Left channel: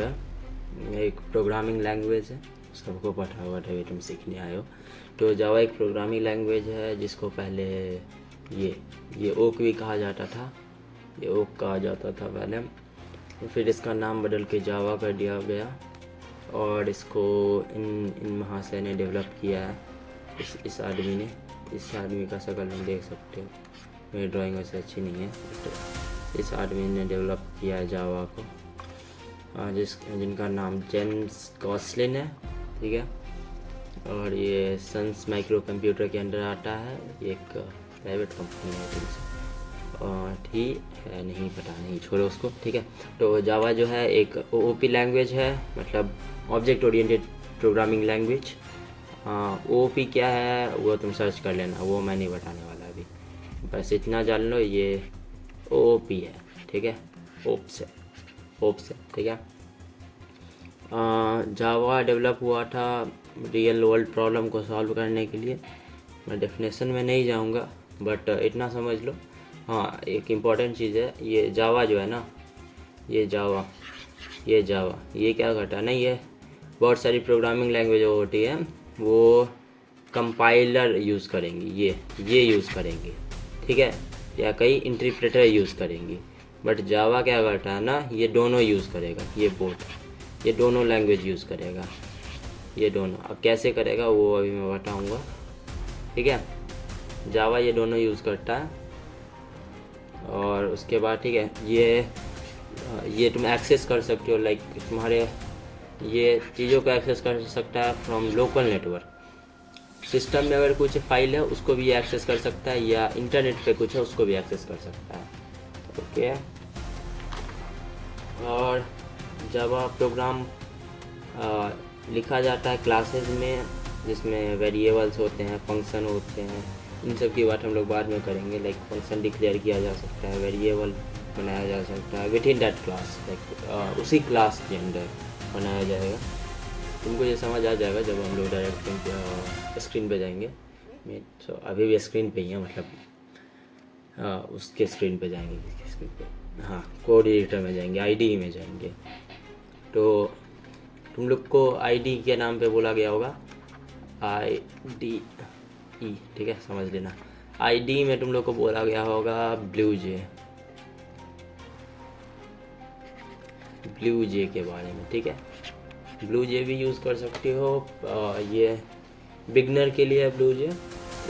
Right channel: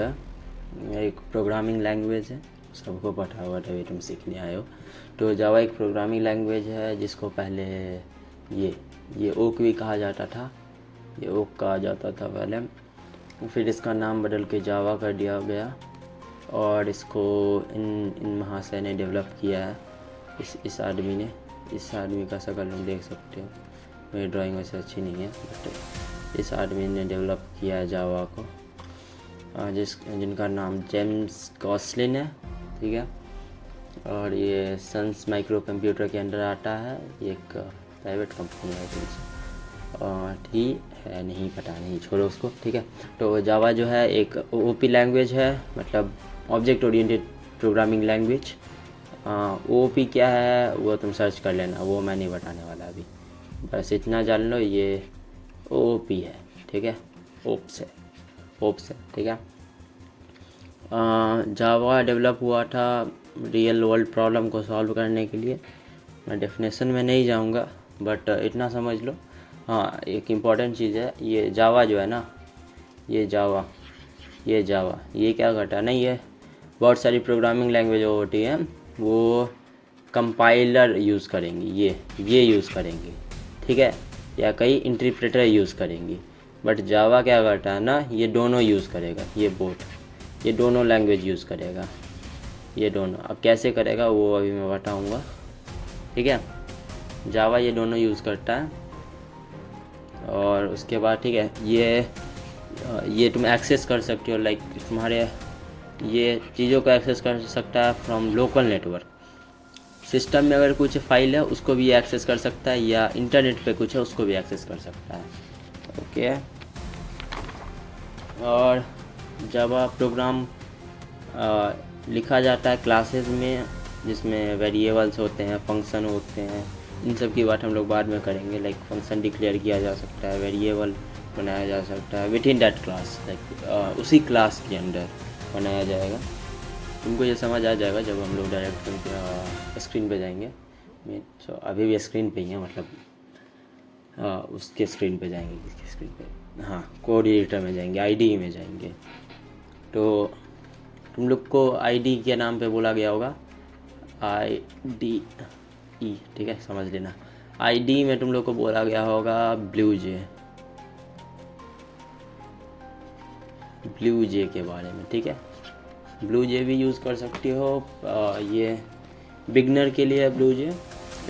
एक programming language है, सबको पता हुआ है, तुम सीखने आए हो। तो जावा एक प्रोग्रामिंग लैंग्वेज है जिसको पहले ये ओक भी कहा जाता था, ये ओक कहा जाता था पहले। फिर इसका नाम बदल के जावा कर दिया गया और इसको इन महाशय ने डेवलप किया है। इस आदमी का शक्ल नहीं देख सकते हो, मेरी ड्राइंग वैसे अच्छी नहीं है, तो इस आदमी ने डेवलप किया है जावा को, जिनका नाम जेम्स गॉसलिन है, ठीक है। और ये सन्स माइक्रो कंप्यूटर के अंडर आता है, ये एक प्राइवेट कंपनी है, ठीक है, नहीं पता, नहीं, छोड़ो उसको, ठीक है। तो जावा जो है एक ओपी लैंग्वेज है, मतलब object oriented programming language. OP क्या है वो तुम सर्च कर लेना, वो मैं नहीं बताने वाला अभी, बस इतना जान लो, ये ओपी है, ठीक है, ओप्स है, ठीक है। जावा डेवलप हुआ था रियल वर्ल्ड प्रॉब्लम को सॉल्व करने के लिए। मैं डेफिनेशन में नहीं जाऊंगा, बट इतना समझ लो। हाँ, एक इम्पॉर्टेंट चीज़ है, ये जावा जो है ना, ये जावा ये क्या करता है ना, ये बहुत सारी प्रोग्रामिंग लैंग्वेज होती है, वो कंपाइलर यूज़ करेंगी, ये यूज़ करेंगी, ठीक है, या कई इंटरप्रेटर यूज़ करेंगी। बट जावा क्या करता है ना, ये दोनों यूज़ करेगा, ये दोनों लैंग्वेज यूज़ करेगा, ये दोनों। अब कैसे करेगा वो अभी मैं बताऊंगा, ठीक है। जावा ये दोनों यूज़ करता है, और उसके बाद ठीक है, ये तुम एक्सेस कर सकते हो, लाइक तुम्हारे ये चीज़ों को एक्सेस कर सकता है फ्रॉम लोकल नेटवर्क। सिस्टम में अगर कुछ फाइल है उसको भी एक्सेस कर सकता है, या इंटरनेट पे कुछ है उसको भी एक्सेस कर सकता है, ओके। और जावा प्रोग्राम लिखा जाता है क्लासेस में, जिसमें वेरिएबल्स होते हैं, फंक्शन होते हैं, इन सब की बात हम लोग बाद में करेंगे। लाइक फंक्शन डिक्लेयर किया जा सकता है, वेरिएबल बनाया जा सकता है with in that class, like उसी क्लास के अंदर बनाया जाएगा। तुमको ये समझ आ जाएगा जब हम लोग डायरेक्ट तुमको स्क्रीन पे जाएंगे। तो अभी भी स्क्रीन पे ही है, मतलब उसके स्क्रीन पे जाएंगे, किसके स्क्रीन पे, हाँ, कोड एडिटर में जाएंगे, आईडी में जाएंगे। तो तुम लोग को आईडी के नाम पे बोला गया होगा, IDE, ठीक है, समझ लेना। आईडी में तुम लोग को बोला गया होगा ब्लू जे के बारे में, ठीक है। ब्लू जे भी यूज़ कर सकते हो, ये बिगनर के लिए है ब्लू जे,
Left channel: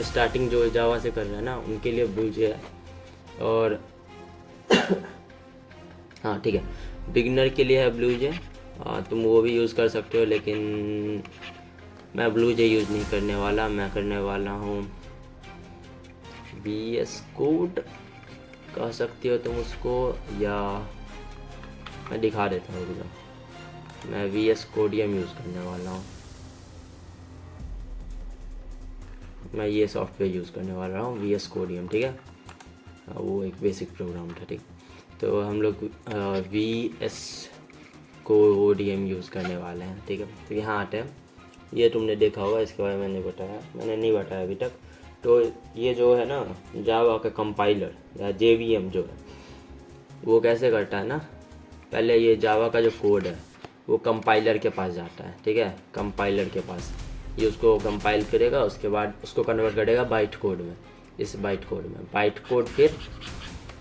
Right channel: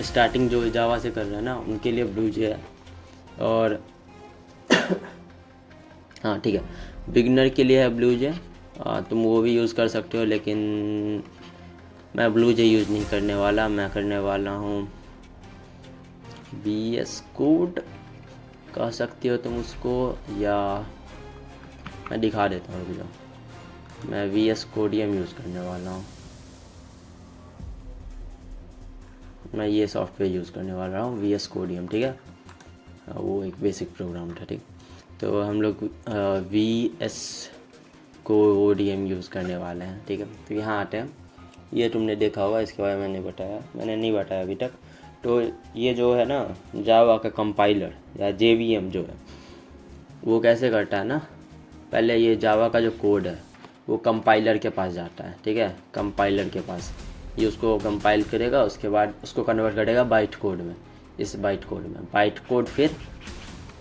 स्टार्टिंग जो जावा से कर रहे हैं ना उनके लिए ब्लू जे है। और हाँ, ठीक है, बिगनर के लिए है ब्लू जे, तुम वो भी यूज़ कर सकते हो, लेकिन मैं ब्लू जे यूज़ नहीं करने वाला, मैं करने वाला हूँ VS कोड, कह सकते हो तुम उसको, या मैं दिखा देता हूँ, मैं VS कोडियम यूज़ करने वाला हूँ, मैं ये सॉफ्टवेयर यूज़ करने वाला हूँ VS कोडियम, ठीक है। वो एक बेसिक प्रोग्राम था, ठीक। तो हम लोग VS कोडियम यूज़ करने वाले हैं, ठीक है। तो यहाँ आते हैं, ये तुमने देखा होगा, इसके बारे में मैंने नहीं बताया अभी तक। तो ये जो है ना जावा का कंपाइलर या JVM जो है, वो कैसे करता है ना, पहले ये जावा का जो कोड है वो कंपाइलर के पास जाता है, ठीक है, कंपाइलर के पास, ये उसको कंपाइल करेगा, उसके बाद उसको कन्वर्ट करेगा बाइट कोड में, इस बाइट कोड फिर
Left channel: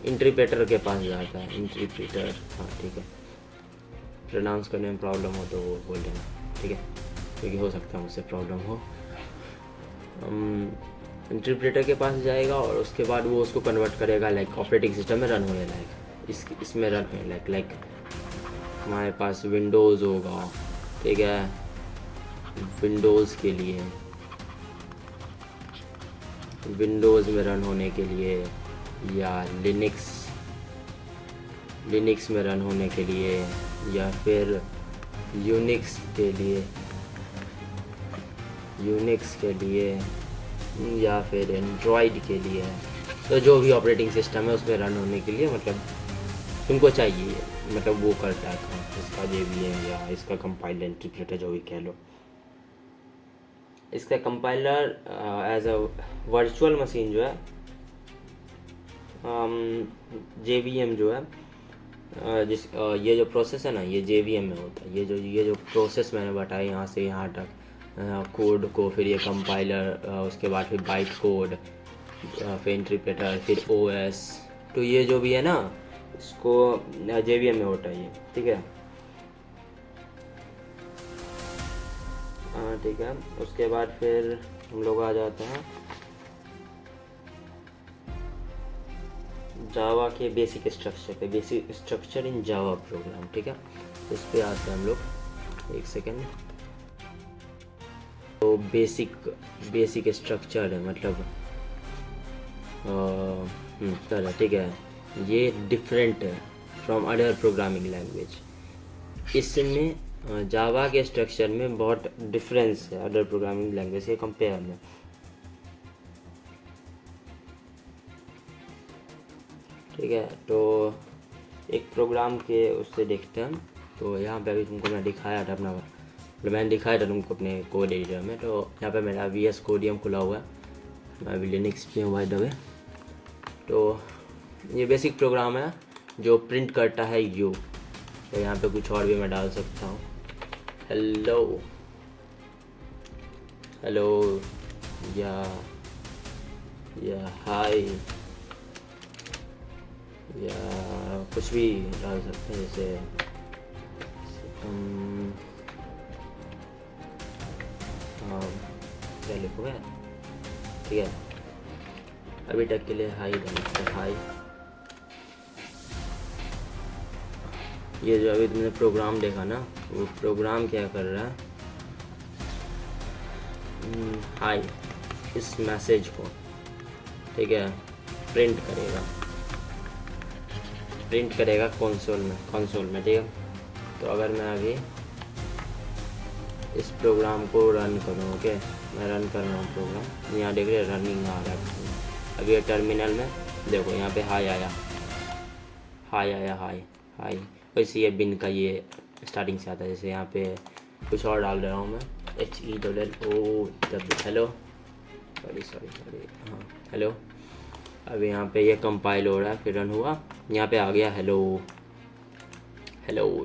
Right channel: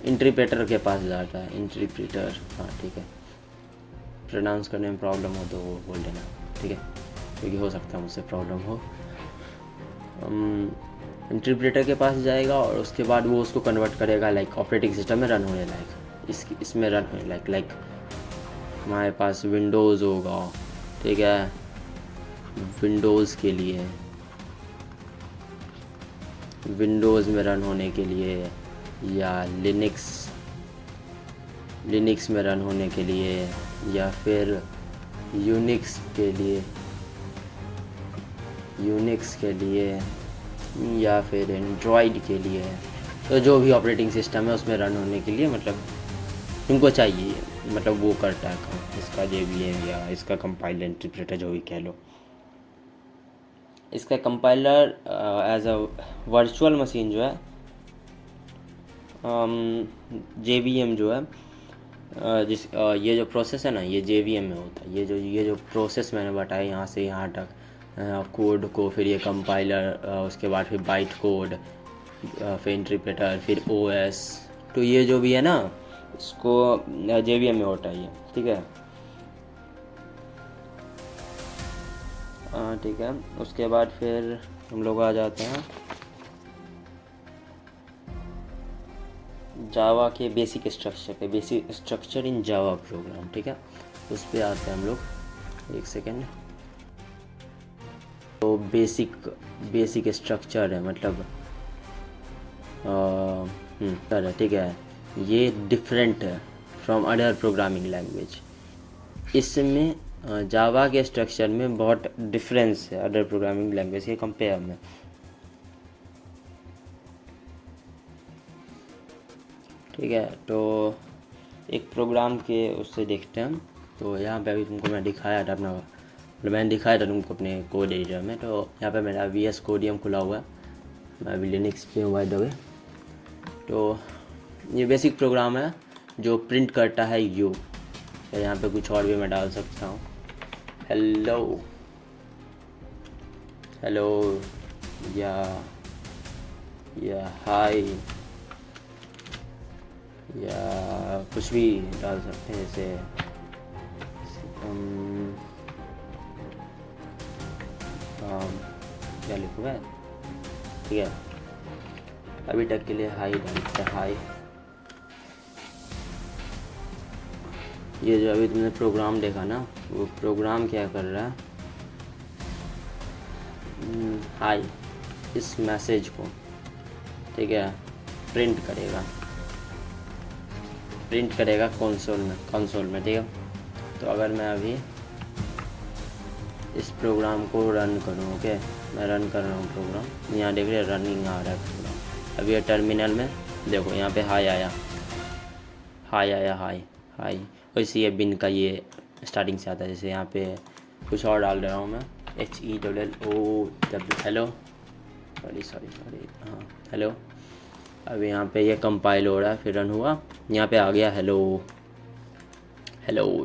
इंटरप्रेटर के पास जाता है, इंटरप्रेटर, हाँ, ठीक है, प्रोनाउंस करने में प्रॉब्लम हो तो बोल देना, ठीक है, क्योंकि हो सकता है मुझसे प्रॉब्लम हो। इंटरप्रेटर के पास जाएगा और उसके बाद वो उसको कन्वर्ट करेगा लाइक ऑपरेटिंग सिस्टम में रन होने लायक, इसमें रन होने लायक हमारे पास विंडोज़ होगा, ठीक है, विंडोज़ के लिए, विंडोज़ में रन होने के लिए, या लिनक्स में रन होने के लिए, या फिर यूनिक्स के लिए, या फिर एंड्रॉयड के लिए। तो जो भी ऑपरेटिंग सिस्टम है उसमें रन होने के लिए, मतलब तुमको चाहिए, मतलब वो करता है इसका JVM या इसका कंपाइलर, इंटरप्रेटर, जो भी कह लो। इसका compiler as a virtual machine जो है, JVM जो है ये जो प्रोसेस है ना, ये JVM में होता है। ये जो प्रोसेस मैंने बताया यहाँ से यहाँ तक, कोड को, फिर ये कंपाइलर, उसके बाद फिर बाइट कोड, फिर इंटरप्रेटर, फिर OS, तो ये जो भी है ना, इसको JVM में होता है ये, ठीक है। ठीक है, उसके बाद फिर हम लोग आ जाते हैं जावा के बेसिक स्ट्रक्चर पे, basic structure in Java program, ठीक है। उस पर आते हैं हम लोग, एक सेकेंड। तो बेसिक स्ट्रक्चर है, मतलब चलो ठीक है, ये डिफरेंट है फ्रॉम अदर प्रोग्रामिंग लैंग्वेज। इसमें जावा के स्ट्रक्चर में बहुत डिफरेंस है अदर प्रोग्रामिंग लैंग्वेज के कंपेयर में। ठीक है, तो एक प्रोग्राम के उससे देखते हैं हम। तो यहाँ पे अभी तुमको मैं दिखाया था अपना, मैंने दिखाया था तुमको अपने कोड एडिटर में। तो यहाँ पे मेरा VS कोडियम खुला हुआ है, मैं अभी लिनक्स पे हूँ बाय द वे। तो ये बेसिक प्रोग्राम है जो प्रिंट करता है यू। तो यहाँ पे कुछ और भी मैं डाल सकता हूँ, हेलो हेलो या हाय, या कुछ भी डाल सकते हैं, जैसे क्या लिखूँगा, ठीक है। अभी तक के लिए हाई डालता, हाई। ये जो अभी तुमने प्रोग्राम देखा ना, वो प्रोग्राम क्या कर रहा है, हाई इस मैसेज को, ठीक है, प्रिंट करेगा कंसोल में, ठीक है। तो अगर मैं अभी इस प्रोग्राम को रन करूँ, ओके, मैं रन कर रहा हूँ प्रोग्राम, यहाँ देख रहे रनिंग आ रहा है। अभी ये टर्मिनल में देखो, यहाँ पे हाई आया, हाई। वैसे ये बिन का ये स्टार्टिंग से आता है। जैसे यहाँ पे कुछ और डाल रहा हूँ मैं, HELLO, हेलो, सॉरी, हाँ हेलो। अब यहाँ पे ये कंपाइल हो रहा है, फिर रन हुआ, यहाँ पे आ गया हेलो,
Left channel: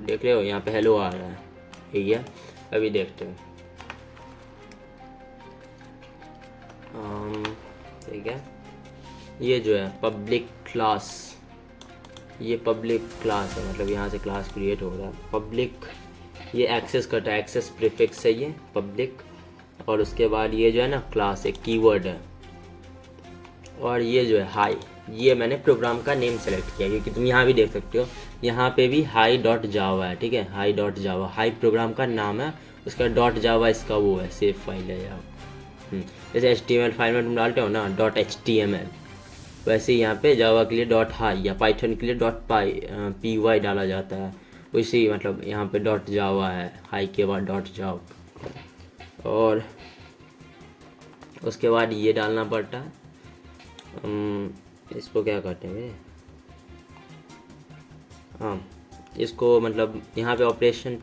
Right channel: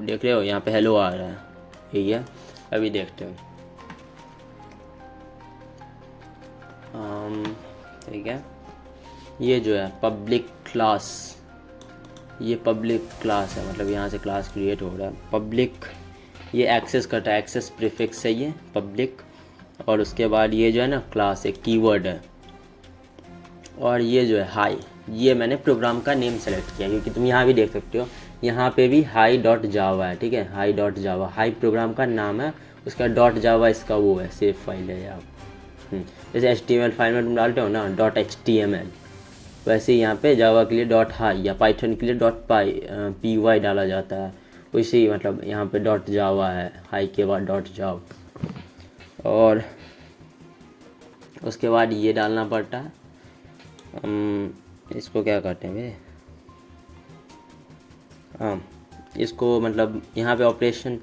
देख रहे हो, यहाँ पे हेलो आ रहा है, ठीक है। अभी देखते हैं, ठीक है। ये जो है पब्लिक क्लास, ये पब्लिक क्लास है, मतलब यहाँ से क्लास क्रिएट हो रहा है। पब्लिक ये एक्सेस करता है, एक्सेस प्रीफिक्स है ये पब्लिक। और उसके बाद ये जो है ना क्लास, एक कीवर्ड है। और ये जो है हाई, ये मैंने प्रोग्राम का नेम सेलेक्ट किया, क्योंकि तुम यहाँ भी देख सकते हो, यहाँ पे भी hi.java है, ठीक है, hi.java, हाई प्रोग्राम का नाम है, उसका .java इसका वो है, सेव फाइल है यार। जैसे HTML फाइल में तुम डालते हो ना .html, वैसे यहाँ पे जावा के लिए .hi या पाइथन के लिए .py डाला जाता है। वैसे ही मतलब यहाँ पे .java है, हाई के बाद .java। और उसके बाद ये डालना पड़ता है, इसको क्या कहते हैं वे, हाँ, इसको मतलब यहाँ पे ऑपरेशन,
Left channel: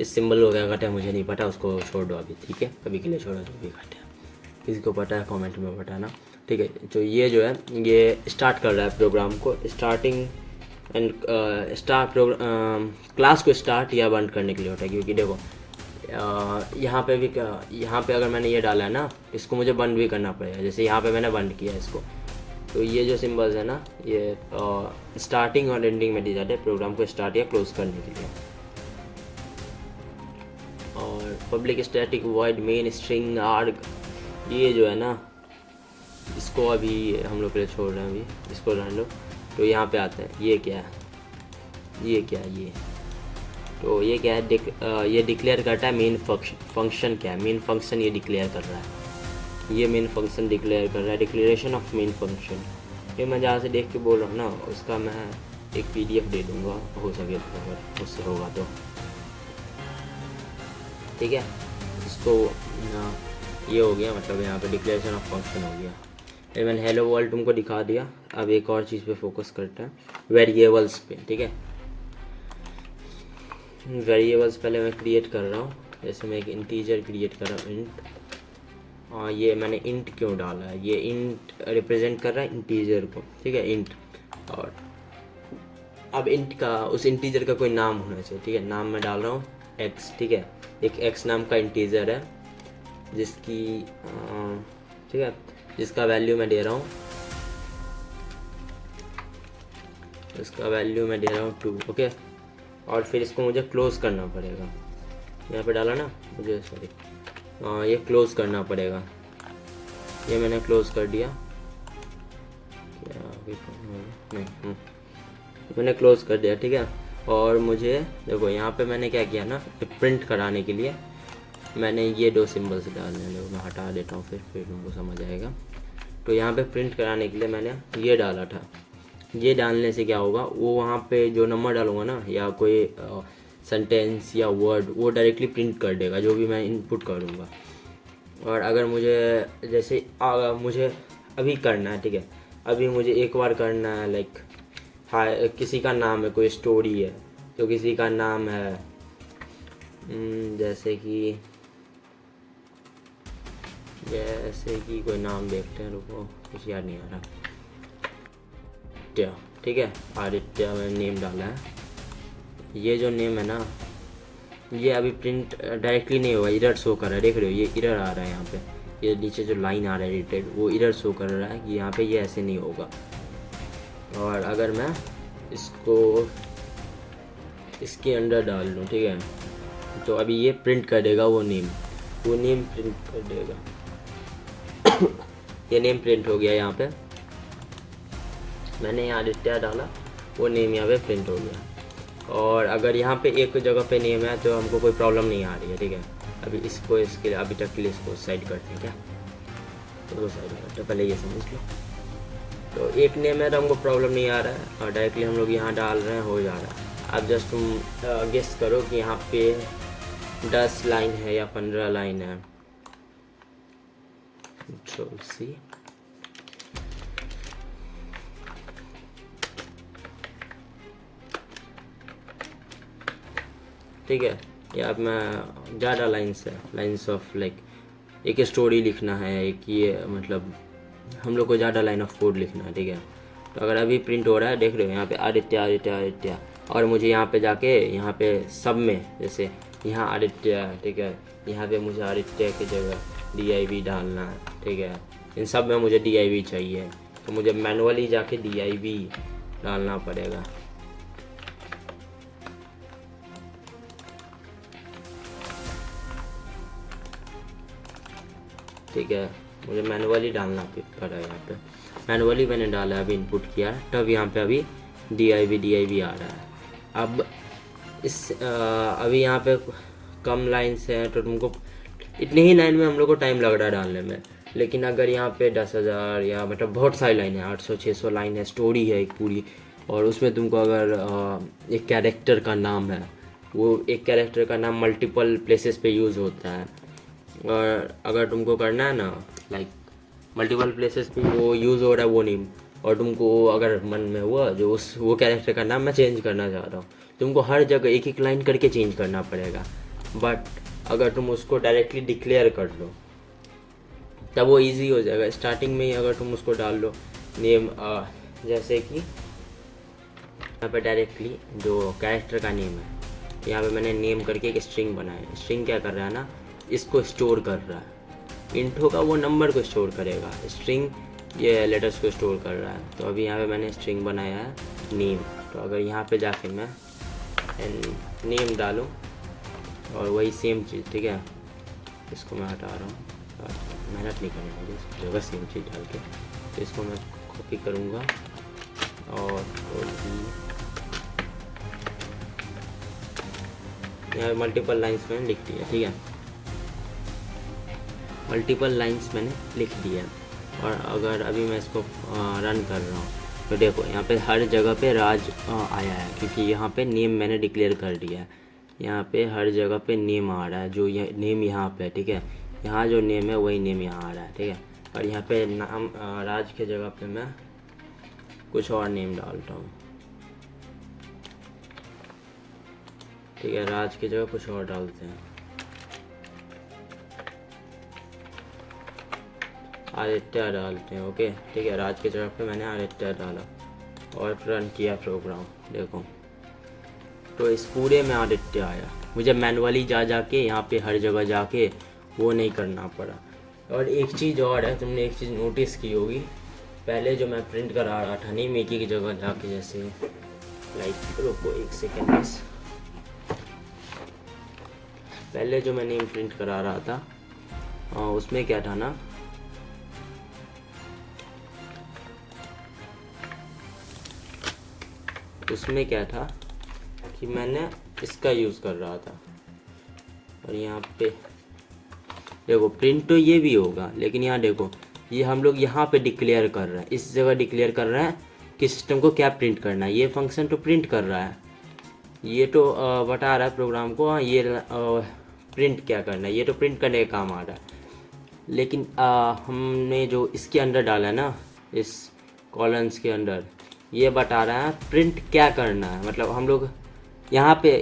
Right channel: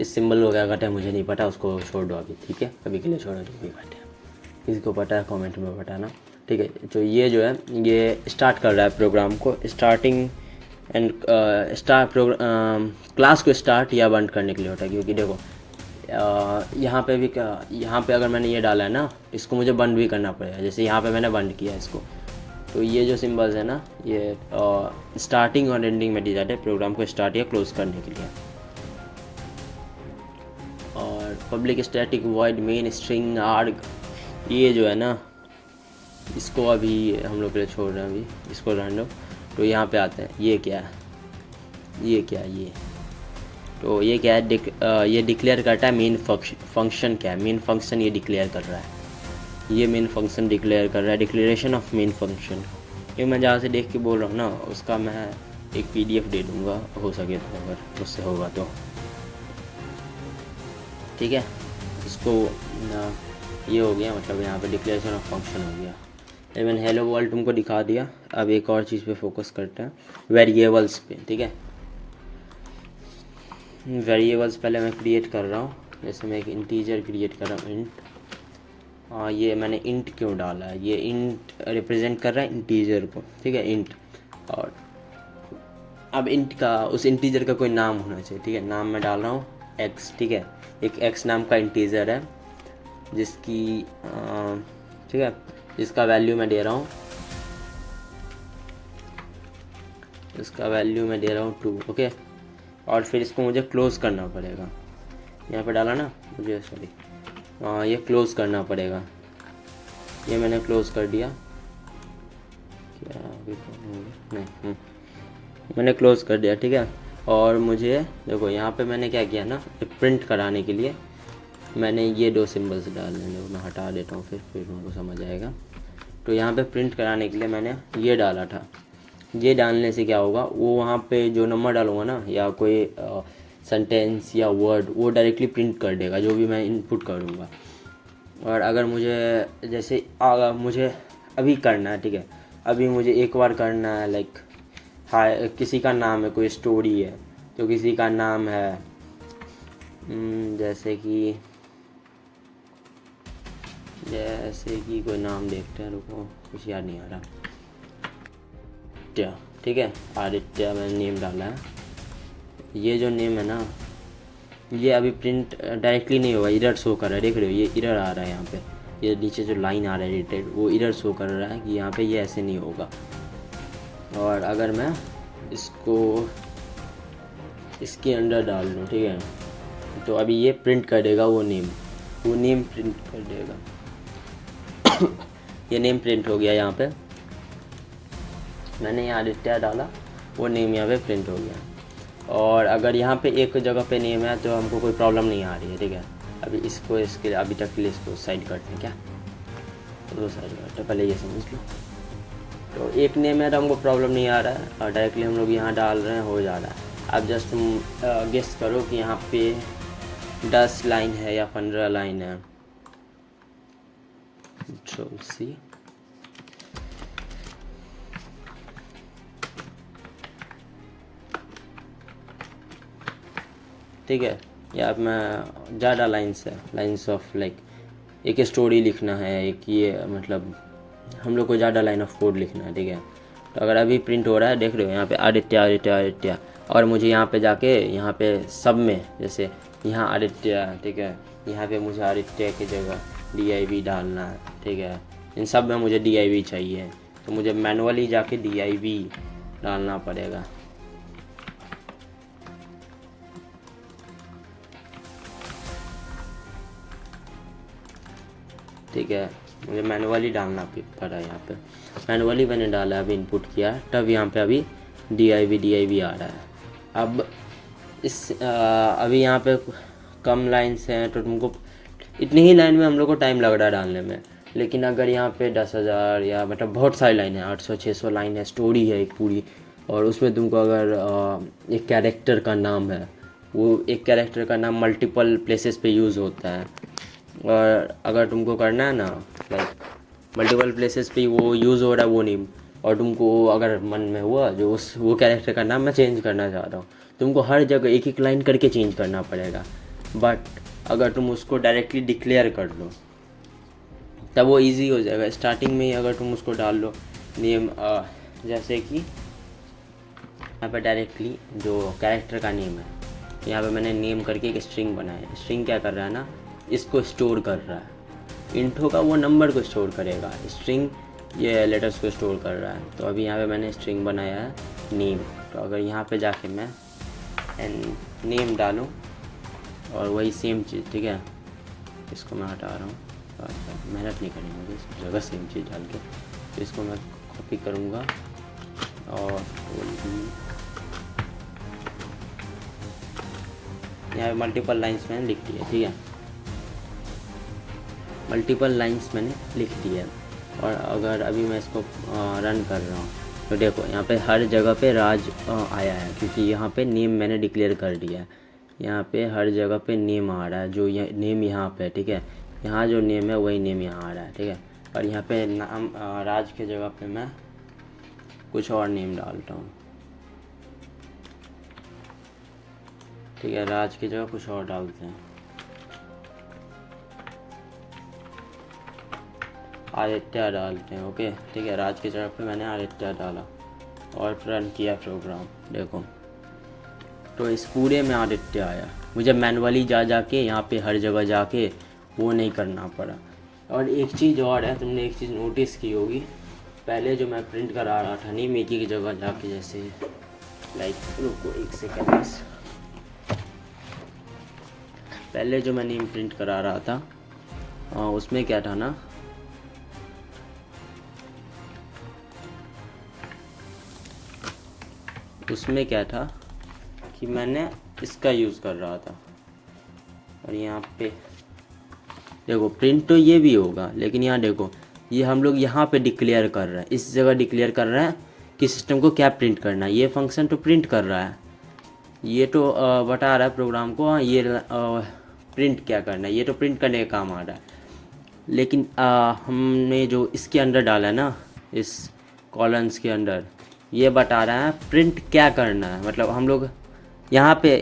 इस सिंबल को क्या कहते हैं मुझे नहीं पता, उसको छोड़ दो अभी, ठीक है, अभी के लिए छोड़ दो, भी कहते हैं। किसी को पता है कमेंट में बताना, ठीक है। तो ये जो है ये स्टार्ट कर रहा है प्रोग्राम को, स्टार्टिंग एंड क्लास को स्टार्ट या बंद करने के लिए होता है। क्योंकि देखो यहाँ पे अगर मैंने ये डाला है ना, इसको मुझे बंद भी करना पड़ेगा। जैसे यहाँ पे मैंने बंद किया इसको, तो ये जो सिंबल्स है ना, ये स्टार्टिंग और एंडिंग में दी जाते हैं प्रोग्राम को स्टार्ट या क्लोज करने के लिए। और public static void main string arg, ये जो है ना, इसको अभी हम लोग के लिए छोड़ रहे हैं, अभी इसको रहने लो। तो यहाँ पे आते हैं, ये क्या है, तो ये क्या है, ये डिक्लेयर करता है मेन फंक्शन क्या है, मेन फंक्शन ये डिक्लेयर कर रहा है, ये मेन फंक्शन डिक्लेयर कर रहा है, डिक्लेरेशन ऑफ मेन फंक्शन। ये मैं जहाँ से देख के बोल रहा हूँ ना, उसका मैं एक PDF दे दूँगा, हो सके तो, अगर मुझसे होगा तो, ठीक है। इसको ये हो गया, मतलब यहाँ पे डिक्लेरेशन ऑफ फंक्शन हो गया। ये मैंने हेलो वर्ल्ड तुमको दिखा दिया। अब एक और चीज़ पे फोकस करते हैं, वेरिएबल्स पे, ठीक है। वेरिएबल्स पहले मैं क्रिएट कर रहा हूँ। जैसे मैं एक इंटीजर क्रिएट कर रहा हूँ, इंट। ये मैंने इंट क्यों डाला है, ये इंट रिप्रेजेंट कर रहा है इंटीजर को, ठीक है, इंट। और अब इंट का उस इंटीजर का कोई नाम होना चाहिए, ठीक है। नाम मैं डाल रहा हूँ एक्स, ठीक है। एक एक्स नाम का इंटीजर है जिसकी ठीक है, जिसका वैल्यू मैं दे रहा हूँ, इसका वैल्यू मैं दे रहा हूँ 2, ओके। और फिर इसको मुझे क्लोज करना पड़ेगा, यहाँ पे डाला ना मुझे, सॉरी, ये क्लोज करना पड़ेगा। ये मैंने क्लोज कर दिया, मैंने क्लोज कर दिया, ठीक है। और मुझे देखो यहाँ पे मैंने क्या किया ना, प्रिंट कराने के लिए मैंने ये 2 सिंबल्स डालने हैं, मैं हटा देता हूँ फिर तुमको समझ आएगा। तो यहाँ पे प्रिंट कराने के लिए मैंने ये डाला था। ये डालने से क्या होगा, वो वहाँ पे जो नंबर डालूंगा ना या कोई सेंटेंस या वर्ड, वो डायरेक्टली प्रिंट कर देगा जो भी मैं इनपुट करूँगा। और अगर मुझे जैसे मुझे अभी करना है, ठीक है, अभी मुझे एक बार करना है, लाइक हाँ किसी का नाम है, कोई स्टोरी है, तो किसी का नाम है जैसे कि कोई नाम देखते हैं, रुको कुछ याद नहीं आ रहा, आदित्य, ठीक है, आदित्य मैंने नेम डाला है। ये जो नेम है ना, ये अभी प्रिंट डायरेक्टली नहीं होगा, इरर शो कर रहा है, देख रहे हो ये इरर आ रहा है यहाँ पे, ये नीचे जो लाइन आ रहा है रिटेड, वो इरर शो कर रहा है कि यहाँ पे ये ऐसे नहीं होगा। और अगर मैं इसको इसके अंदर डाल दूँ, ठीक है, तो अभी ये प्रिंट कर देगा वो नेम प्रिंट कर देगा। ये नेम प्रिंट हो गया, यहाँ पे मैंने आदित्य डाला, वो नेम यहाँ पे प्रिंट हो गया। और अगर यहाँ पे एक जगह पे नेम है तो हमको कोई प्रॉब्लम नहीं आ रही है, ठीक है। अभी इसको इसके अभी तक के लिए इसको साइड करते हैं, क्या तो साइड करते हैं, पहले ये समझ लो। तो एक नेम है तो हमको प्रॉब्लम नहीं आ रहा है, और डायरेक्टली हम लोग यहाँ डाल रहे हैं, हो जा रहा है। अब जस्ट तुम गेस करो कि यहाँ पे 10 लाइन है या 15 लाइन है। सी ठीक है, या अब मैं ज़्यादा लाइन्स ऑफ लाइक एक स्टोरी लिखना है, एक ये मतलब हम लोग को ज़्यादा लाइन ऑफ कोड लिखना है, ठीक है। तो अगर अभी प्रिंट हो रहा है, देख रहे हो यहाँ पे आदित्य आदित्य आदित्य, और मुझे यहाँ पे जाके यहाँ पे सब में जैसे यहाँ आदित्य, ठीक है, यहाँ पे मुझे आदित्य की जगह DIV डालना है, ठीक है। इन सब में मुझे DIV चाहिए, तो मुझे मैनुअली जाके DIV डालना पड़ेगा। ठीक है, मुझे मैनुअली डालना पड़ा, यहाँ पे मैनुअली मैंने डाला, अभी इनपुट किया, तब यहाँ पे अभी DIV आ रहा है। अब अभी यहाँ पे कम लाइन्स हैं तो तुमको इतनी ही लाइन में हम लोग को टाइम लग रहा है डालने में। लेकिन अगर यहाँ पे 10,000 या मतलब बहुत सारी लाइन है, 800-600 लाइन है, स्टोरी है एक पूरी, और उसमें तुमको अगर एक कैरेक्टर का नाम है, वो एक कैरेक्टर का नाम मल्टीपल प्लेसेस पे यूज़ होता है, और अगर तुमको करना है ना लाइक मल्टीपल प्लेसेस पे वो यूज़ हो रहा है वो नेम, और तुमको अगर मन में हुआ जो वो कैरेक्टर का नाम मैं चेंज करना चाह रहा हूँ, तुमको हर जगह एक एक लाइन करके चेंज करना पड़ेगा। बट अगर तुम उसको डायरेक्टली डिक्लेयर कर लो तब वो इजी हो जाएगा। स्टार्टिंग में ही अगर तुम उसको डाल लो नेम, जैसे कि यहाँ पे डायरेक्टली जो कैरेक्टर का नेम है, यहाँ पे मैंने नेम करके एक स्ट्रिंग बनाया है। स्ट्रिंग क्या कर रहा है ना, इसको स्टोर कर रहा है, इंट होगा वो नंबर को स्टोर करेगा, स्ट्रिंग ये लेटर्स को स्टोर कर रहा है। तो अभी यहाँ पे मैंने स्ट्रिंग बनाया है नेम, तो अगर यहाँ पे जाके मैं नेम डालूँ और वही सेम चीज़, ठीक है, इसको मैं हटा रहा हूँ, मेहनत नहीं करनी मुझे, इस जगह सेम चीज़ डाल के, तो इसको मैं कॉपी करूँगा और यहाँ मल्टीपल लाइंस मैंने लिख दिया, ठीक है, मल्टीपल लाइंस मैंने लिख दिया। और अगर अभी मैं इसको रन कर रहा हूँ तो देखो यहाँ पे हर जगह पे राज आया है, क्योंकि यहाँ पे नेम मैंने डिक्लेयर कर दिया है। यहाँ पे हर जगह पे नेम आ रहा है, जो ये नेम यहाँ पे, ठीक है, यहाँ जो नेम है वही नेम यहाँ आ रहा है, ठीक है। और यहाँ पे नाम राज के जगह पे मैं कुछ और नेम डालता हूँ, ठीक है, राज की जगह कुछ और डालते हैं, आदित्य डालते हैं, ओके, ठीक है। राज की जगह पे मैंने आदित्य डाला, और रन किया प्रोग्राम, देखो तो इस पूरे में आदित्य आया। मुझे मैनुअली जा के यहाँ पे हर जगह जाके वो नहीं करना पड़ा। और एक चीज़ और है, तुमने एक चीज़ नोटिस की होगी, पहले जो मैं प्रिंट करा रहा था नेम एक की जगह जाके, जैसे लाइक रुको एक सेकेंड बस, पहले जो मैं नेम प्रिंट करा रहा था उसमें क्या था ना, उसमें क्या था कि मैंने इसका यूज़ कर रहा था। और यहाँ पे देखो प्रिंट तो ये भी होगा, लेकिन यहाँ देखो ये हम लोग यहाँ पे डिक्लेयर कर रहे हैं, इस जगह डिक्लेयर कर रहे हैं कि सिस्टम को क्या प्रिंट करना है। ये फंक्शन तो प्रिंट कर रहा है, ये तो बता रहा है प्रोग्राम को हाँ ये प्रिंट क्या करना है, ये तो प्रिंट करने का काम आ रहा है। लेकिन हमने जो इसके अंदर डाला है ना, इस कॉलम्स के अंदर, ये बता रहा है प्रिंट क्या करना है। मतलब हम लोग यहाँ पे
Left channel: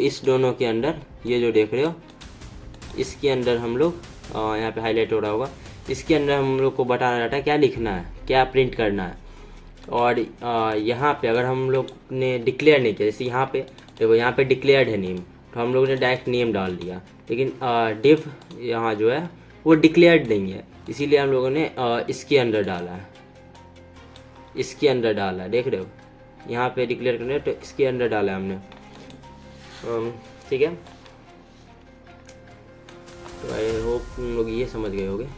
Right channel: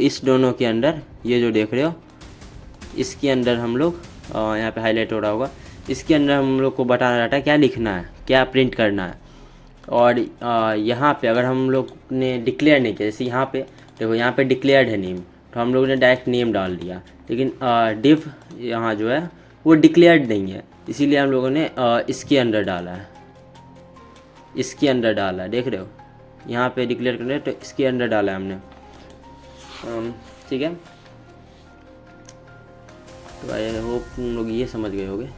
इस दोनों के अंदर, ये जो देख रहे हो इसके अंदर हम लोग यहाँ पे हाईलाइट हो रहा होगा, इसके अंदर हम लोग को बताना रहता है क्या लिखना है, क्या प्रिंट करना है। और यहाँ पे अगर हम लोग ने डिक्लेयर नहीं किया, जैसे यहाँ पे देखो यहाँ पे डिक्लेयर्ड है नेम, तो हम लोगों ने डायरेक्ट नेम डाल दिया, लेकिन डिव यहाँ जो है वो डिक्लेयर्ड नहीं है, इसीलिए हम लोगों ने इसके अंदर डाला है, इसके अंदर डाला है, देख रहे हो यहाँ पे डिक्लेयर करना, तो इसके अंदर डाला है हमने। ठीक है, तो आई होप तुम लोग ये समझ गए होगे।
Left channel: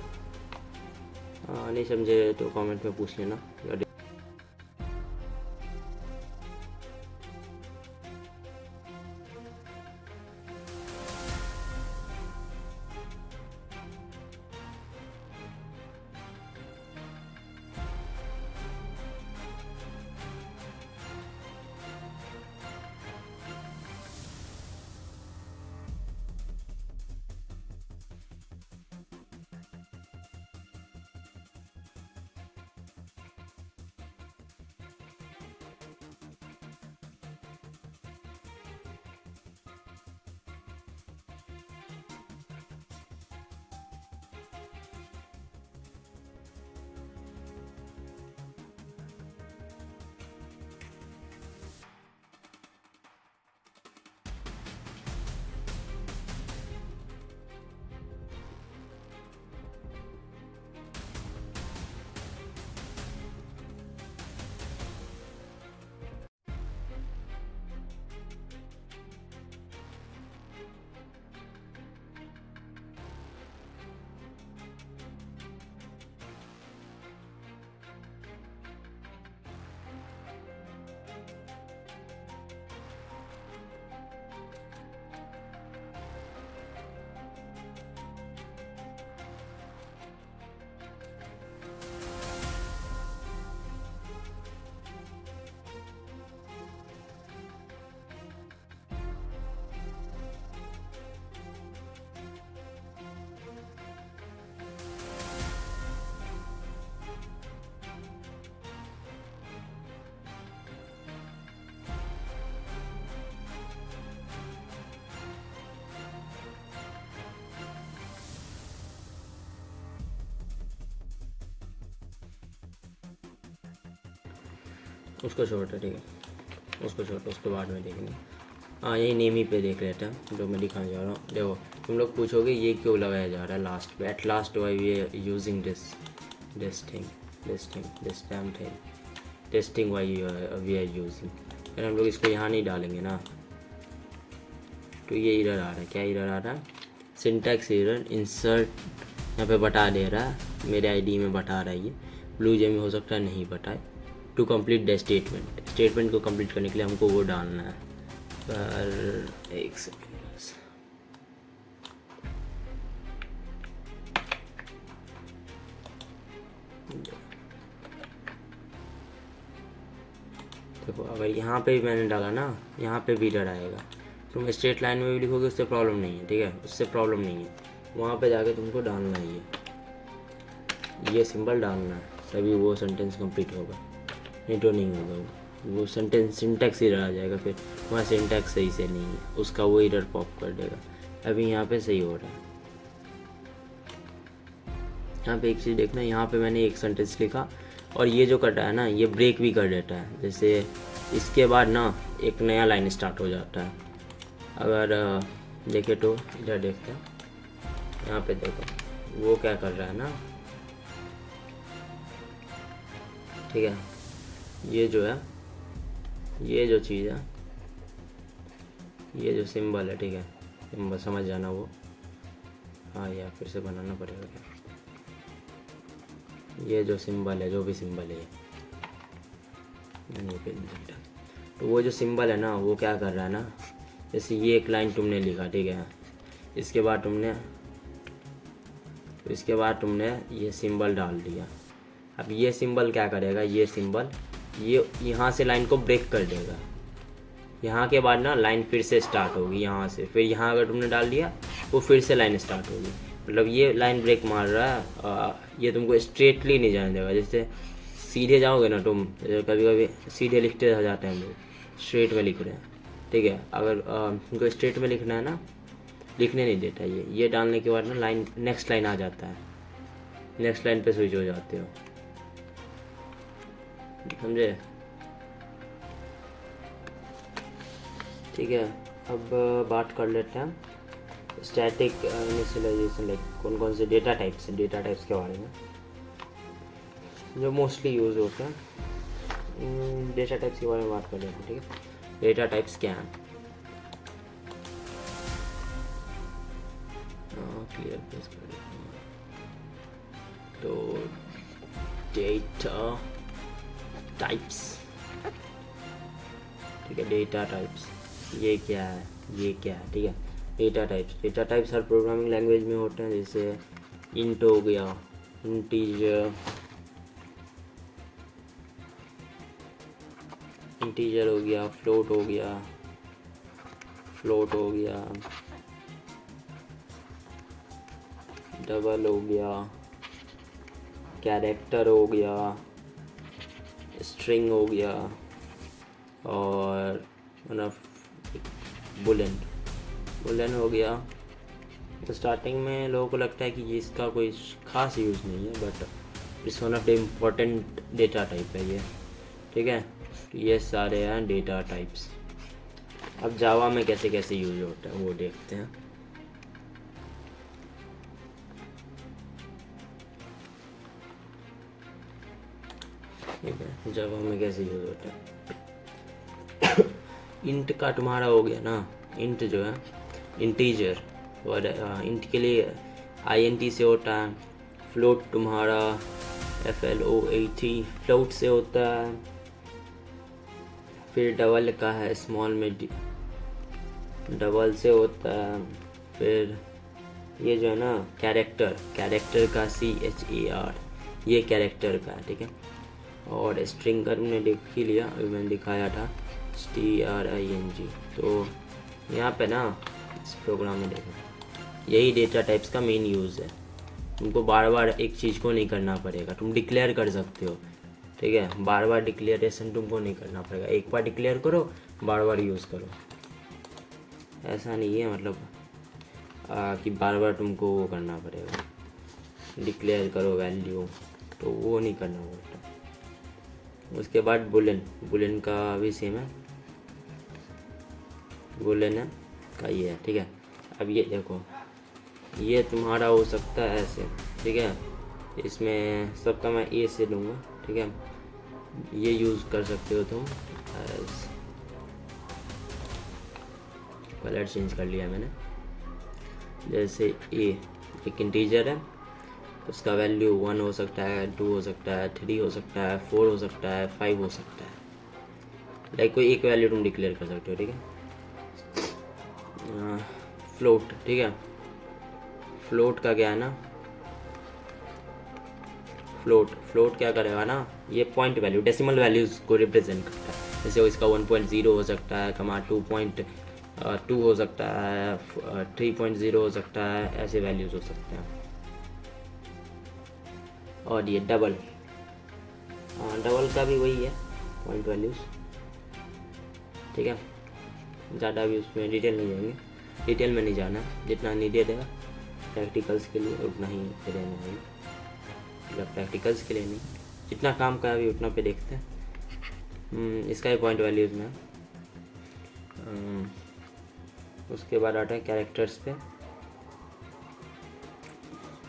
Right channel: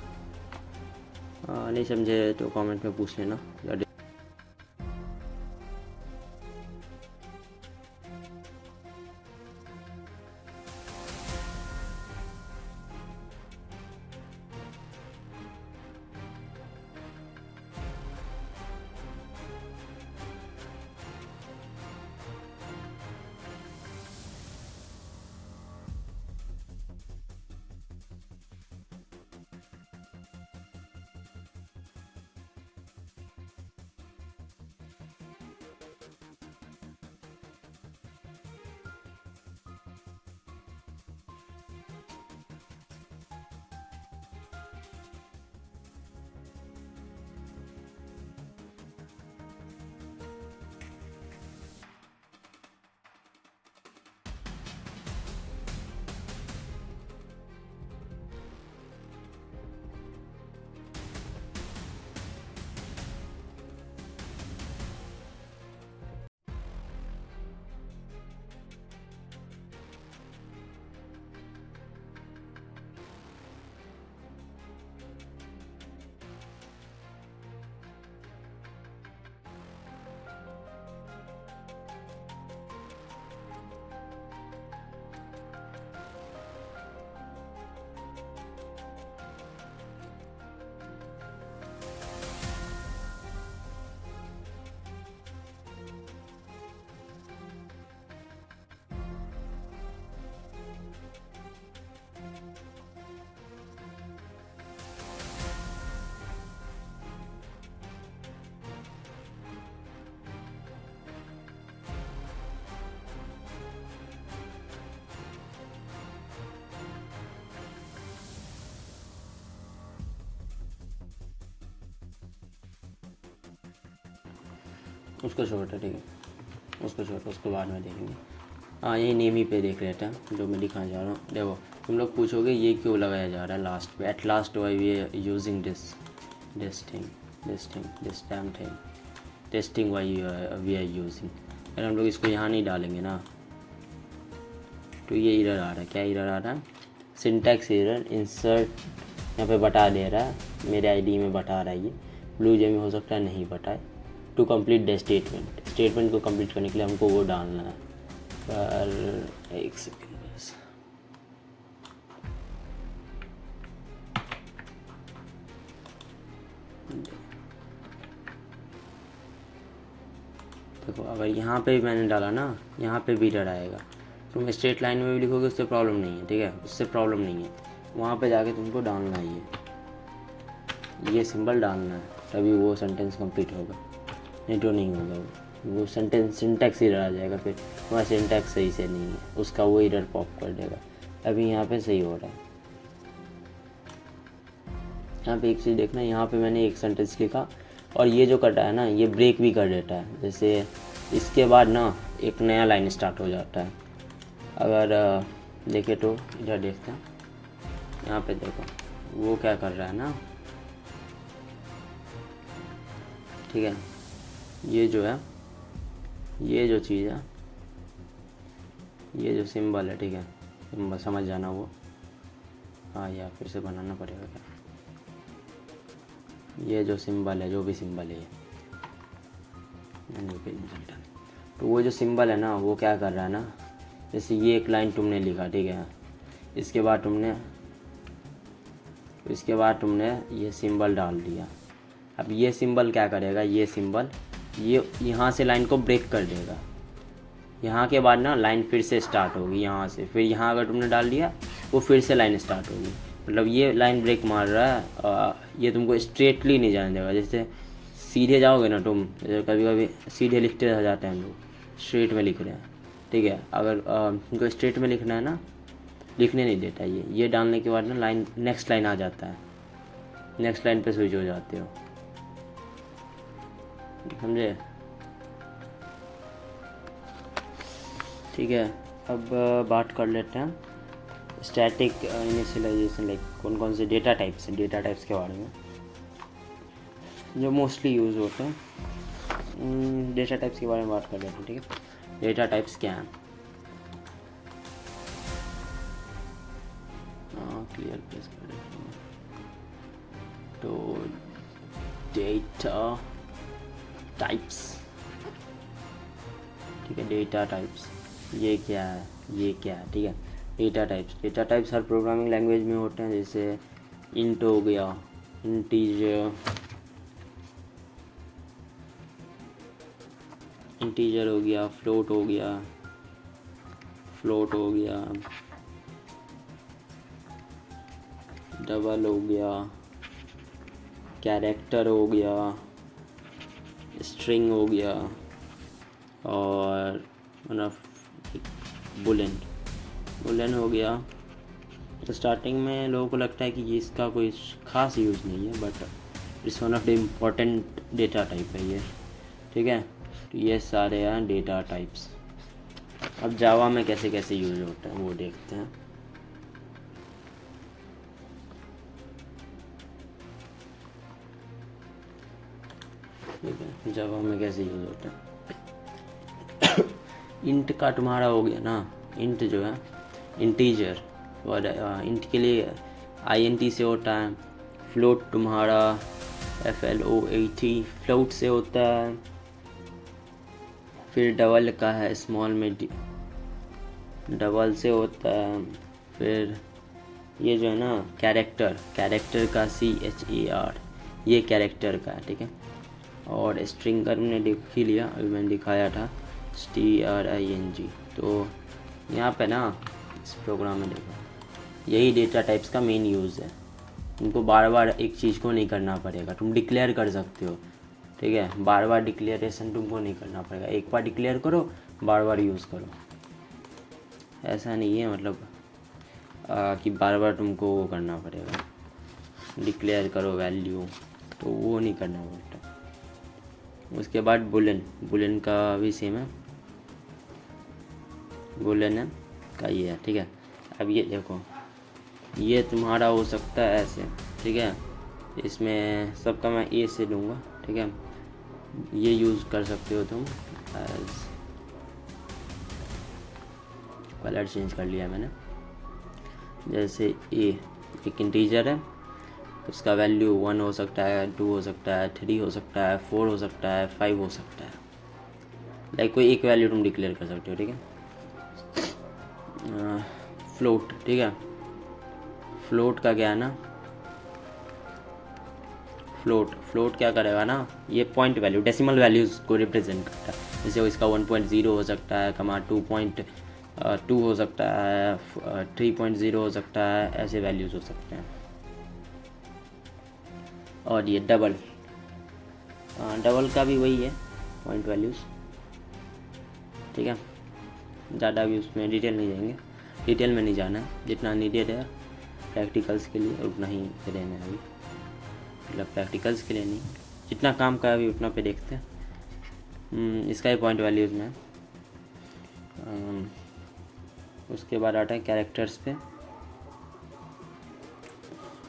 नहीं समझे तो कमेंट में पूछ लेना। उसको छोटा, ठीक है उसको छोटा, उसको बाद में देखेंगे। हाँ यही नेम ही पे देख लेते हैं जो मैं दिखाने जा रहा हूँ। देखो तुम लोग पूछोगे ये क्यों लगाया जा रहा है लास्ट पे, at last why we are using this time thing, testing why we are using. अगर हम लोग इसको यहाँ नहीं डालेंगे ना, तो ये एरर आ रहा है। क्या एरर आ रहा है? सिंटैक्स एरर, इंसर्ट यहाँ पे बता दे रहा है, मेरे आईडी में बता रहा है ये, ब्लू जे में हो सकता है नहीं बताए। टू कंप्लीट द स्टेटमेंट को कंप्लीट करने के लिए हमको वो डालना है। पर एक सेकेंड बस, देखो अगर यहाँ पे भी मैंने डाला ना, यहाँ पे भी एरर आएगा। तुम स्ट्रेट लाइन में भी लिखोगे उससे प्रॉब्लम नहीं है, ठीक है उससे प्रॉब्लम नहीं है। वहाँ पे जाके तुमको डालना है ये सिंबल डालना है, तभी वो सेंटेंस कंप्लीट होगा, नहीं तो नहीं होगा वो सेंटेंस, सिंटैक्स एरर आ जाएगा। फिर वहाँ सिंटैक्स सही से नहीं है, उसका वो एरर पॉप कर देगा। अभी यहाँ पे सही हो रहा है। यहाँ पे एक चीज़ देखना, यहाँ पे मैंने एक सेंटेंस लिखा और ये जो कर रहा है ना ये ब्रेक भी कर देता है। जैसे इसके बाद ना एक नया लाइन स्टार्ट हो जाता है। अगर देखे तो इधर देखते हैं, यहाँ पे देखो वो क्या कर रहा है ना, ठीक है। ये जो है, ये जो चीज़ है, ये जो सिंबल है, ठीक है, सिंबल समझ जाना वो। हाँ यार फिर से बनाना पड़ेगा क्या। ये जो सिंबल है, जो भी सिंबल है, तो वो जो सिंबल है ना वो क्या कर रहा है ना, जैसे ये एक लाइन तुमने लिखा, ठीक है, इसके बाद तुमने ये सिंबल डाल दिया। अब ये सिंबल क्या करेगा, ये सिंबल ये यहाँ से लाइन को ब्रेक कर देगा। यहाँ के बाद ना लाइन फिर से स्टार्ट होगी यहाँ से, फिर यहाँ अगर तुमने डाल दिया वो फिर से लाइन स्टार्ट होगी। मतलब ये लाइन ब्रेक मार रहा है, ये तुमको स्ट्रेटली नहीं जाने देगा। जैसे सीधे जाओगे ना तुम, कभी कभी सीधे लिखते रह जाते हैं हम लोग, स्ट्रेट में लिख रहे हैं, ठीक है। अगर तुमको स्ट्रेट में लिखना है ना, लिखने नहीं देता ये डालने के बाद ना लाइन नेक्स्ट लाइन आ जाता है, नेक्स्ट लाइन पे स्विच हो जाते हो, समझे, ठीक है। अब बात कर लेते हैं स्टैटिक इनिशियलाइजेशन, लाइक कौन कौन से डेटा टाइप्स के बारे में जो मोस्टली यूज़ होते हैं। डेटा टाइप्स के बारे में बात कर लेते हैं, ठीक है। डेटा टाइप्स क्या हैं, क्लियर प्रेस कर देते हैं। तो डेटा टाइप्स, ठीक है, डेटा टाइप्स ये क्या है, ठीक है। डेटा टाइप्स हर प्रोग्रामिंग लैंग्वेज में होते हैं। जैसे इंट हो गया, इंटीजर हो गया, फ्लोट हो गया, डबल हो गया, कैरेक्टर हो गया, स्ट्रिंग हो गया, और बुलेन हो गया। तो स्टार्टिंग में लोगों को लगता है कि ये इसका कोई ख़ास यूज़ नहीं है, but it's one of the important data type है ये, ठीक है। तो ये सारे हैं डेटा टाइप्स। अब जावा में कैसे कैसे यूज़ होता है वो देखते हैं। ठीक है, जावा में कैसे यूज़ होता है। इंट का तुम्हारा हो गया ना, इंट जो है इंटीजर, और इंट के लिए INT से होता है। फ्लोट तुम्हारा FLOAT फ्लोट से होता है। फिर डबल का है स्मॉल में डबल से होता है। फिर ये जो है ना कैरेक्टर का CHAR, ये कैरेक्टर का है, ठीक है। और स्ट्रिंग का तुमने देख ही लिया, अभी मैंने दिखाया था STRING। तो यहाँ पे ना इस प्रोग्राम में देखो, यही डेटा टाइप्स का मेन यूज़ है। तुमको बार बार एक चीज़ को नहीं करना पड़ेगा, तुम डिक्लेयर कर सकते हो, ठीक है। बार बार डिक्लेरेशन तुमको नहीं करना पड़ेगा, एक बार डिक्लेयर करो, बार बार यूज़ करो। ऐसा नहीं है मतलब कि बार बार तुमको वो करना पड़ेगा, डिक्लेयर करो वैल्यू, तो वो नहीं करना पड़ता। उसके बाद बुलेन का भी सेम है, बुलेन का ये है, ठीक है। अब ये देखो, ये तुम्हारा हो सकता है ऐसे, ठीक है। इसमें सबका मैं ए से लूँगा, ठीक है। ये यूज़ कर सकते हो तुम एज, कलर चेंज कर लिया मैंने। जैसे ए एक इंटीजर है, उसका वैल्यू 1 हो सकता है, 2 हो सकता है, 3 हो सकता है, 4 हो सकता है, 5 हो सकता है। लाइक कोई एक वैल्यू तुम डिक्लेयर कर सकते हो, ठीक है। फ्लोट, ठीक है। फ्लोट का क्या है ना, फ्लोट क्या करेगा ना, ये पॉइंट वैल्यू डेसिमल वैल्यूज़ को रिप्रेजेंट करता है। जैसे इसका 1.0 हो सकता है, 2.2 हो सकता है, 3.0 हो सकता है, ऐसे वैल्यूज़ हो सकते हैं। और ये डबल का भी वही है, पॉइंट वैल्यूज़, ठीक है। ज़्यादा भी उसमें डिटेल में नहीं जाना, जितना नीडेड है प्रैक्टिकल्स के लिए उतना ही करेंगे अभी, मतलब प्रैक्टिकल्स के लिए नहीं, जितना काम का अभी उतना पे देखते हैं। इसका ही पॉइंट वैल्यूज में। उसके बाद आता है कैरेक्टर्स पे।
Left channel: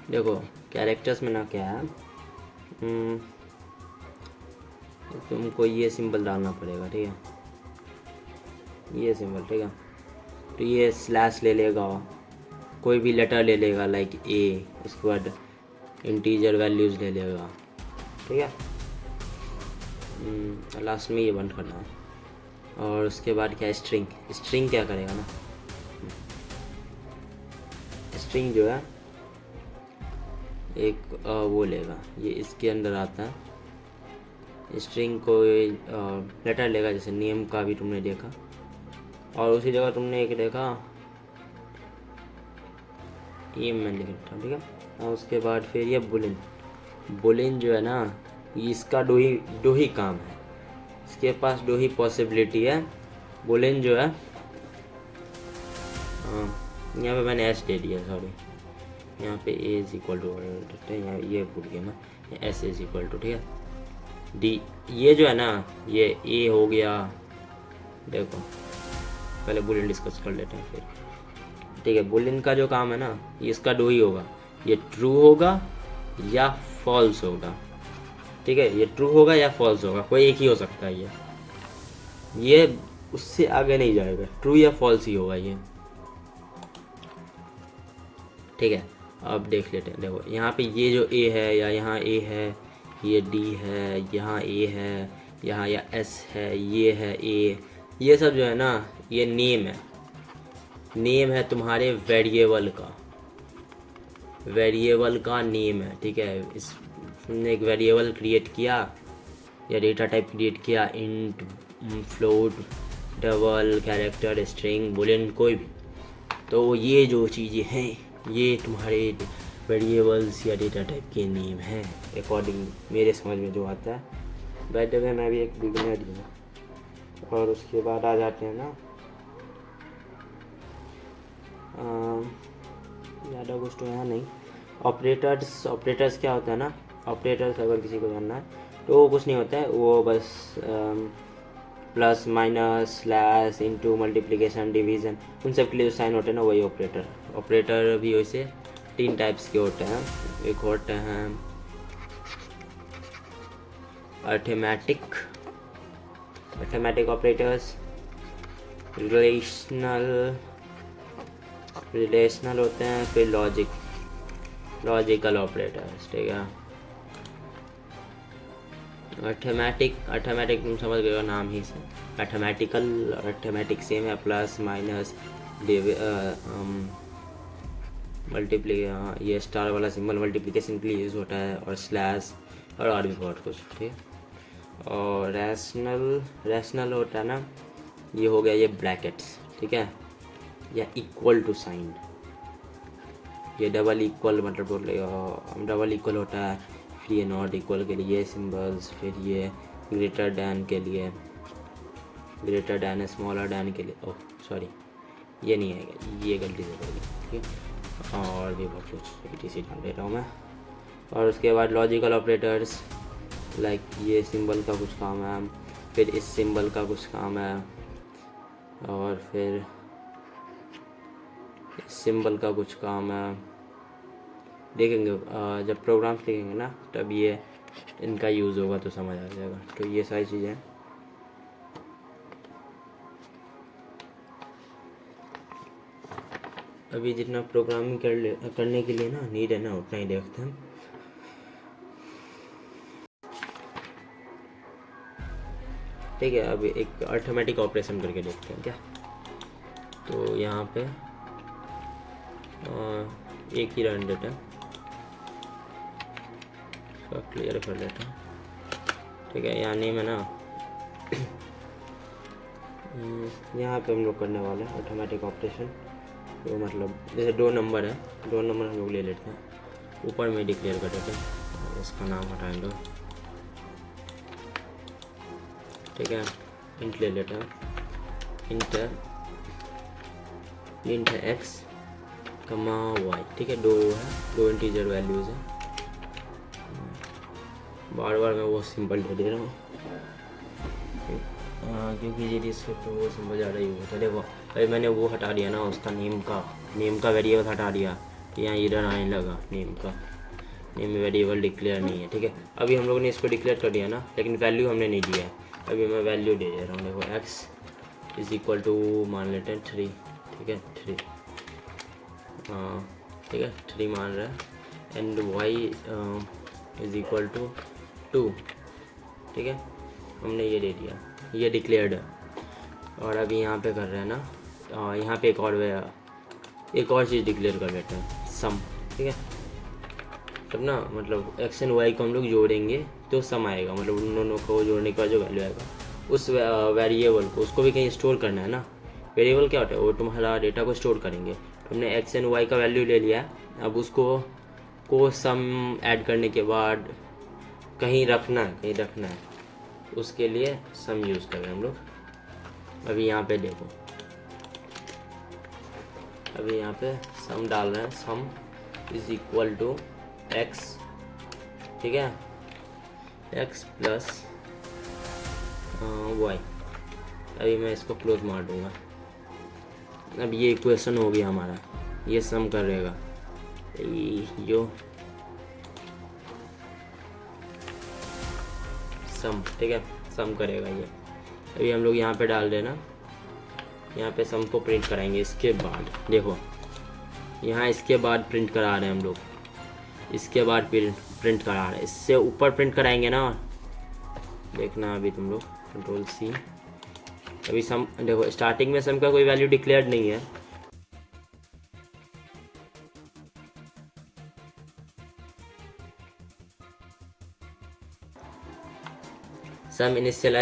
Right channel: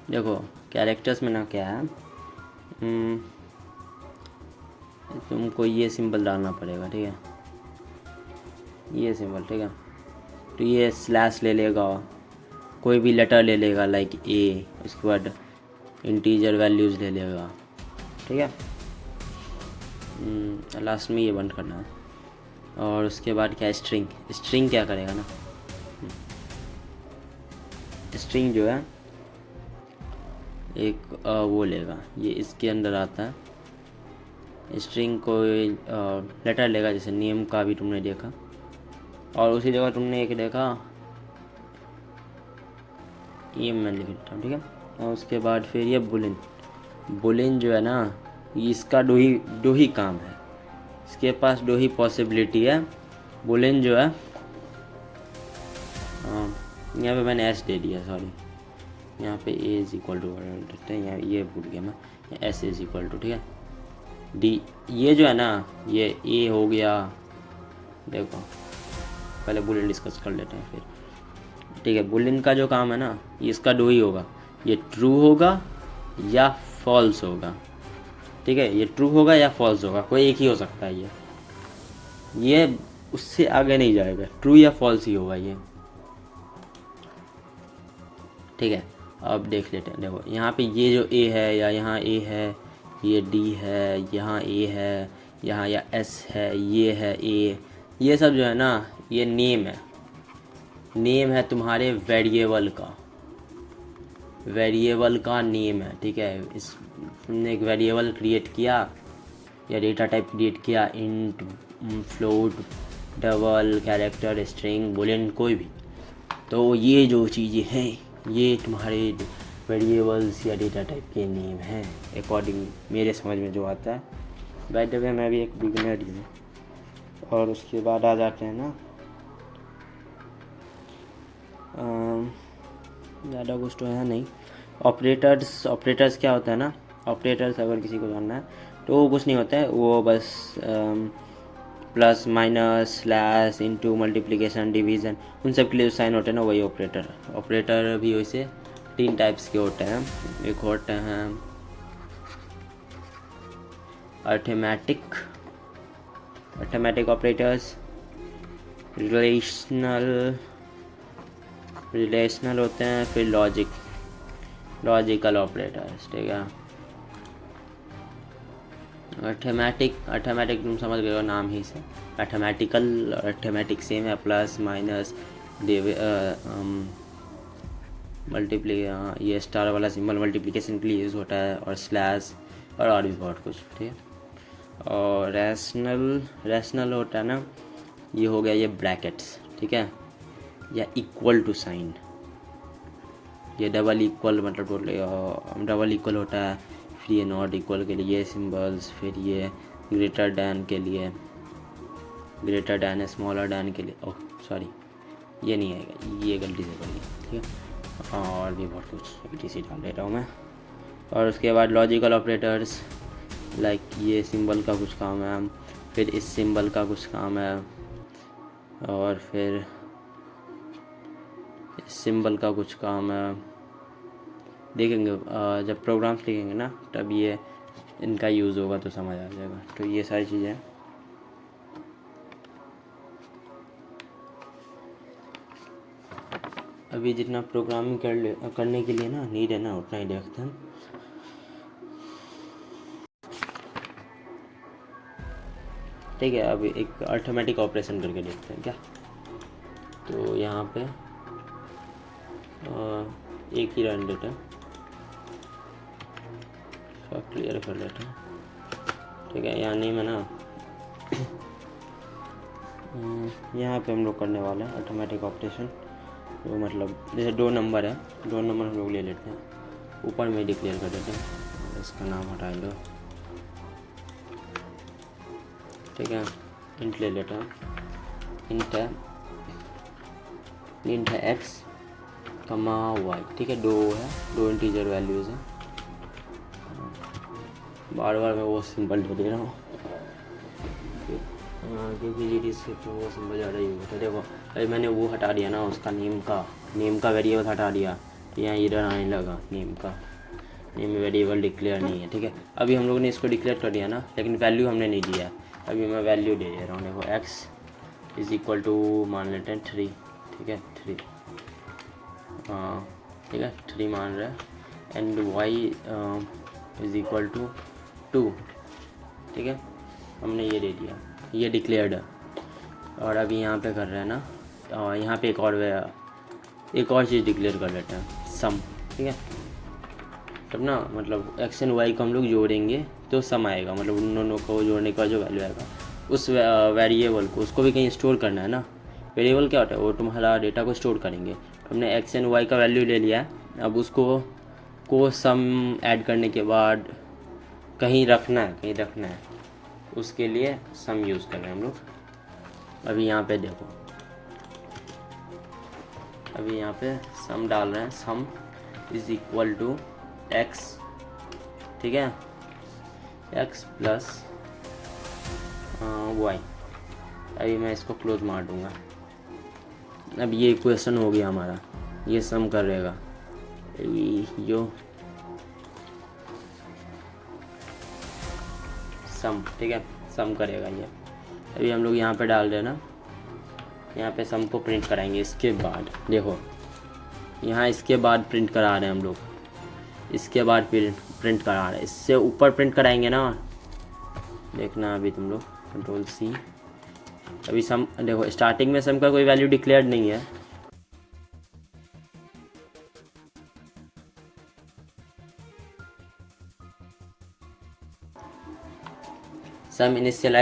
देखो कैरेक्टर्स में ना क्या है, तुमको ये सिंबल डालना पड़ेगा, ठीक है, ये सिंबल, ठीक है। तो ये स्लैश ले लेगा, कोई भी लेटर ले लेगा लाइक ए, उसके बाद इंटीजर वैल्यूज़ ले लेगा, ठीक है। लास्ट में ये बंद करना। और उसके बाद क्या, स्ट्रिंग। स्ट्रिंग क्या करेगा ना, स्ट्रिंग जो है एक वो लेगा, ये इसके अंदर आता है। स्ट्रिंग को लेटर लेगा, जैसे नेम का भी तुमने देखा, और उसी जगह तुमने एक देखा ये मैं लिख देता हूँ, ठीक है। और उसके बाद फिर ये बुलिन। बुलिन जो है ना, इसका दो ही काम है, इसके पास दो ही पॉसिबिलिटी है। बुलिन जो है, यहाँ पे मैंने एस दे दिया, सॉरी, यहाँ पे ए इज इक्वल टू, यहाँ ये भूल गया मैं, एस इज इक्वल टू, ठीक है, डी। ये जो है ना, ये ए हो गया, देखो पहले बुलिन डिस्कस कर लेते हैं फिर, ठीक है। बुलिन का जो काम है ना, ये इसका दो ही होगा, ये ट्रू होगा या फॉल्स होगा, ठीक है। ये ट्रू होगा या फॉल्स होगा, कोई एक ही हो सकता है। ये उससे आगे नहीं जाएगा, ट्रू या फॉल्स ही होगा ये, ठीक है। अब देख लेते हैं, देखो यहाँ पे ये जो ए है, या यहाँ ए है, ये डी है, यहाँ ए है, यहाँ या एस है, ये है ए, ये सब जो है ना, ये नेम है। नेम है तुम्हारे वेरिएबल का नेम है, ठीक है। इस तुमने एक वेरिएबल क्रिएट किया या डेटा टाइप क्रिएट किया, int, float, double, character, string, Boolean, कोई भी, तो ये जो चीज़ें हैं ये तुम्हारे वेरिएबल्स या डेटा टाइप के नेम हैं, अकॉर्डिंग मेरे समझ में जो आता है। बाय द वे मैं भी एक बिगिनर ही हूँ। और उसके बाद आ जाते हैं ना, ज़्यादा कुछ तो है नहीं। ऑपरेटर्स क्या होता है ना, ऑपरेटर्स अगर किसी को जानना है तो वो कुछ नहीं होता है, वो बस plus, minus, slash, into, multiplication, division, उन सब के लिए जो साइन होते हैं ना, वही ऑपरेटर भी वैसे 3 टाइप्स के होते हैं। एक होते हैं अर्थमेटिक ऑपरेटर्स, रिलेशनल होते हैं, फिर लॉजिकल ऑपरेटर्स, ठीक है। अर्थमेटिक तुम समझ गए नाम ही से, अर्थमेटिक सेम है, प्लस, माइनस, मल्टीप्लाई, ये स्टार वाला सिंबल मल्टीप्लिकेशन के लिए यूज़ होता है, और स्लैश, और भी बहुत कुछ, ठीक है। और रैशनल होता है ना, ये हो गया ये ब्रैकेट्स, ठीक है, या इक्वल टू साइन, ये डबल इक्वल मतलब डबल इक्वल होता है, फिर ये नॉट इक्वल के लिए सिंबल्स, फिर ये ग्रेटर दैन के लिए, ग्रेटर दैन, स्मॉलर दैन के लिए, ओह सॉरी ये नहीं आएगा, ये गलती से कर दी, ठीक है। और भी बहुत कुछ ETC डाल देता हूँ मैं। और उसके बाद लॉजिकल ऑपरेटर्स, लाइक ये सिंबल का कुछ काम है, फिर इस सिंबल का कुछ काम है, और फिर इस सिंबल का कुछ काम है। देखेंगे जब प्रोग्राम्स लिखेंगे ना, तब ये इनका यूज़ होगा तो समझ आ जाएगा। तो ये सारी चीज़ें अभी जितना प्रोग्रामिंग करने के लिए ना नीड है ना, उतना ही देखते हैं। ठीक है, अभी एक अर्थमेटिक ऑपरेशन करके देखते हैं क्या। तो यहाँ पे एक ही रन देते हैं, सब क्लियर कर लेते हैं, ठीक है। यानी मैं ना यहाँ पे हम लोग करने वाले हैं ऑटोमेटिक ऑपरेशन। तो मतलब जैसे 2 नंबर है, 2 नंबर हम लोग ले लेते हैं, ऊपर में डिक्लेयर कर देते हैं, इसका नाम हटा दो, ठीक है। इंट ले लेते हैं, इंट है एक्स कमा वाई, ठीक है। 2 इंटीजर वैल्यूज़ है, बार बार मैं वो सिंपल दे रहा हूँ क्योंकि ये डिस्क्रिप्ट वो सिंपल ज़्यादा ही होता है। देखो अभी मैंने वो हटा दिया ना, उसका नेम का वेरिएबल हटा दिया, यहाँ इधर आने लगा नेम वेरिएबल डिक्लेयर नहीं है। ठीक है, अभी हम लोगों ने इसको डिक्लेयर कर दिया ना, लेकिन वैल्यू हमने नहीं दिया है। अभी मैं वैल्यू दे रहा हूँ। देखो एक्स इज इक्वल टू मान लेते हैं 3। ठीक है 3, हाँ ठीक है 3 मान रहा है, and y is equal to 2। ठीक है, हमने ये दे दिया, ये डिक्लेयर्ड है। और अभी यहाँ पे कर रहे हैं ना, यहाँ पे एक और चीज़ डिक्लेयर कर लेते हैं, सम। ठीक है, तब ना मतलब एक्स एंड वाई को हम लोग जोड़ेंगे तो सम आएगा, मतलब उन दोनों को जोड़ने का जो वैल्यू आएगा उस वेरिएबल को, उसको भी कहीं स्टोर करना है ना। वेरिएबल क्या होता है, वो तुम्हारा डेटा को स्टोर करेंगे। तो हमने एक्स एंड वाई का वैल्यू ले लिया है, अब उसको सम ऐड करने के बाद कहीं रखना है, उसके लिए सम यूज़ करें हम लोग। अभी यहाँ पे देखो, अभी यहाँ पे सम डाल रहे हैं, sum is equal to x. ठीक है, एक्स प्लस वाई। अभी मैं इसको क्लोज मार दूंगा। अब ये इक्वेशन हो गया हमारा, ये सम करेगा यो सम। ठीक है, सम करेगा ये। अभी हम लोग यहाँ पे डाल देना, यहाँ पे सम को प्रिंट कराएंगे। इसके बाद देखो यहाँ इसके बाद प्रिंट करा रहे हैं हम लोग, इसके बाद प्रिंट करा रहे हैं, इससे ऊपर प्रिंट कराएंगे ना, देखना अभी तुम लोग कंट्रोल सी। अभी सम देखो, स्टार्टिंग में सम का कोई वैल्यू डिक्लेयर्ड नहीं है, सम इनिशियलाइज